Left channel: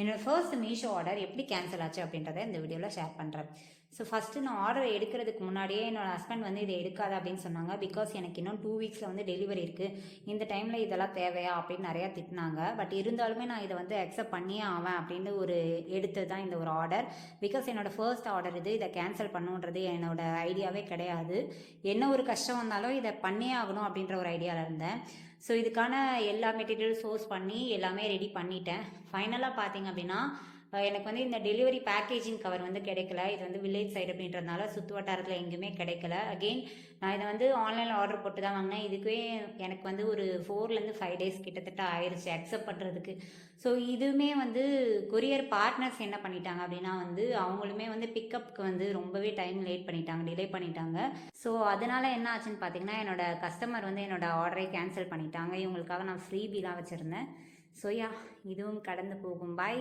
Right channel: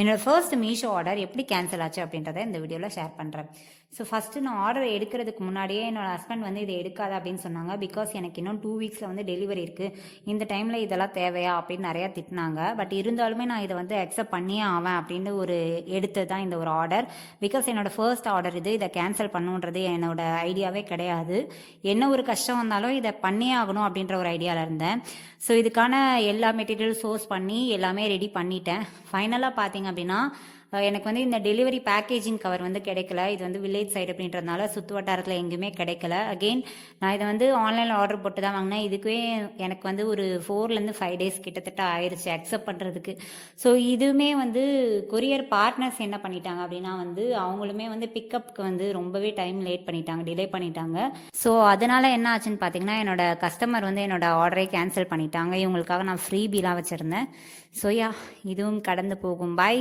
என்னோடய first Meesho order எப்படி cancel ஆச்சு அப்படின்றத இந்த வீடியோவில் ஷேர் பண்ணுறேன். ஸோ ஃபஸ்ட்டு நான் ஆர்டர் எடுக்கிறதுக்கு முன்னாடியே என்னோடய ஹஸ்பண்ட் வந்து இதை எடுக்காத அப்படின்னு சொன்னாங்க. பிகாஸ் எனக்கு இன்னும் 2 வீக்ஸில் வந்து டெலிவரி இருக்குது, இந்த டைமில் இதெல்லாம் தேவையா அப்படின்னு நிறையா திட்டினாங்க. பட் இருந்தாலுமே நான் இதை வந்து அக்செப்ட் பண்ணியே ஆவேன் அப்படின்னு எடுத்தது தான் இந்த ஒரு ஆர்டர். பிகாஸ் என்னோடய ஃபர்ஸ்ட் ஆர்டர் இதை கேன்சல் பண்ணுன்றது என்னோடய ஐடியாவே கிடையாது. என்ன ஒரு கஷ்டம் வந்தாலும் இதை பண்ணியே ஆகணும் அப்படின்ற ஒரு ஐடியாவில் இருந்தேன். ஸோ இதுக்கான எல்லா மெட்டீரியல் சோர்ஸ் பண்ணி எல்லாமே ரெடி பண்ணிட்டேன். ஃபைனலாக பார்த்தீங்க அப்படின்னா எனக்கு வந்து இந்த டெலிவரி பேக்கேஜிங் கவர் வந்து கிடைக்கல. இது வந்து வில்லேஜ் சைடு அப்படின்றதுனால சுற்று வட்டாரத்தில் எங்கேயுமே கிடைக்கல. அகெயின் நான் இதை வந்து ஆன்லைனில் ஆர்டர் போட்டு தான் வாங்கினேன். இதுக்குவே எனக்கு வந்து ஒரு 4லேருந்து 5 டேஸ் கிட்டத்தட்ட ஆயிடுச்சு அக்செப்ட் பண்ணுறதுக்கு. ஸோ இதுவுமே வந்து கொரியர் பார்ட்னர்ஸ் என்ன பண்ணிட்டாங்க அப்படின்னா வந்து அவங்களுமே வந்து பிக்கப்புக்கு வந்து ரொம்பவே டைம் லேட் பண்ணிட்டாங்க, டிலே பண்ணிட்டாங்க. ஸோ அதனால் என்ன ஆச்சுன்னு பார்த்தீங்கன்னா என்னோட கஸ்டமர் வந்து என்னோட ஆர்டரை கேன்சல் பண்ணிட்டாங்க. இவங்களுக்காக நான் ஃப்ரீ பீலாம் வச்சுருந்தேன். ஸோ இதுவும் கடந்து போகும். பாய்.